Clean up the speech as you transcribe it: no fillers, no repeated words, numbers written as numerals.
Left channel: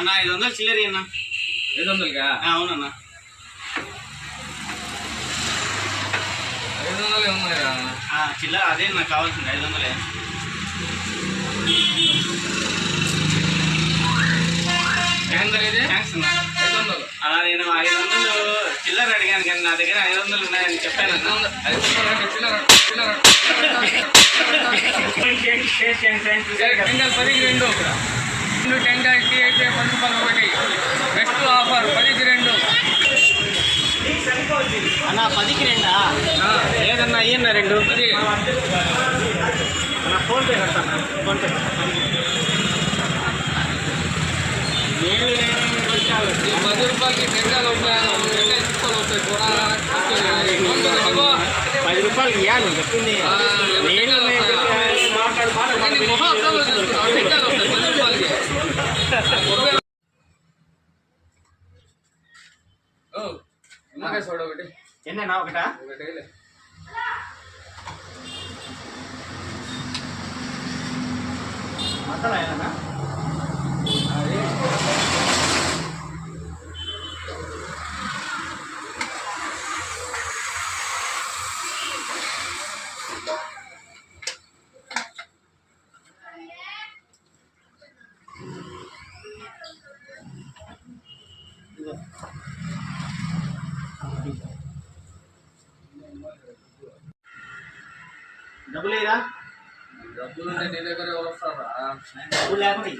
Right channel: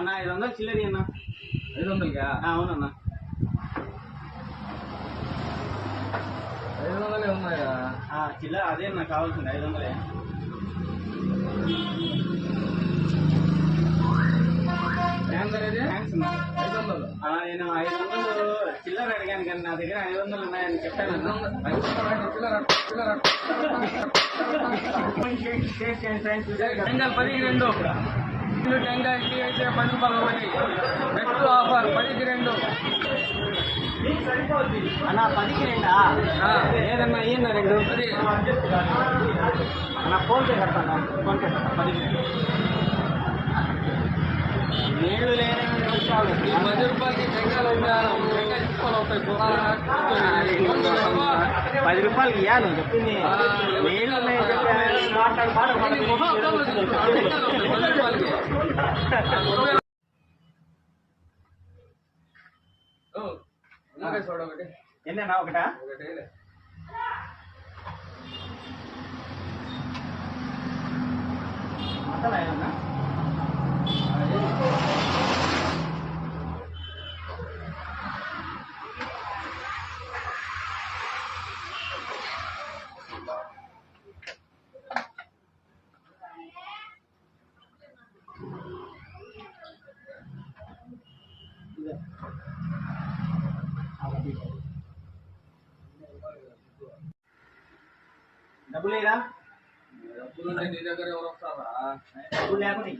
అన్న 500 చిల్లరి అన్న. 500కా? అవునన్న. 500 ఉన్నాయా? చిల్లర అదే నాకు కావాల్సింది 500. థ్యాంక్స్ అన్న. 500 నేను 500 చిల్లర అడిగాను కానీ నా దగ్గర 500 ఉన్నాయని చెప్పాను. టెంకాయకి అయితే 10 రూపాయలు ఒకటి. బెస్ట్ ఆఫర్ 10కి 2. అన్న 10కి 2 లేదన్నా అయ్యన్న 2 అన్న. ఫోన్పే కడతాను. ఫోన్పే 10కి నేను 10 రూపాయలకి టెంకాయలు అవుతాయి. టెంకాయ చిప్పలు అవుతాయి. 10 రూపాయలకి ఇవ్వాలి నువ్వు చెప్పింది. ఒకటి ఎన్నేనా? ఒకటా? మసాలా ఏదన్నా? డబ్బులు లేదా? డబ్బులు నీ దగ్గర ఎవరు వస్తారా? డబ్బులు లేకుండా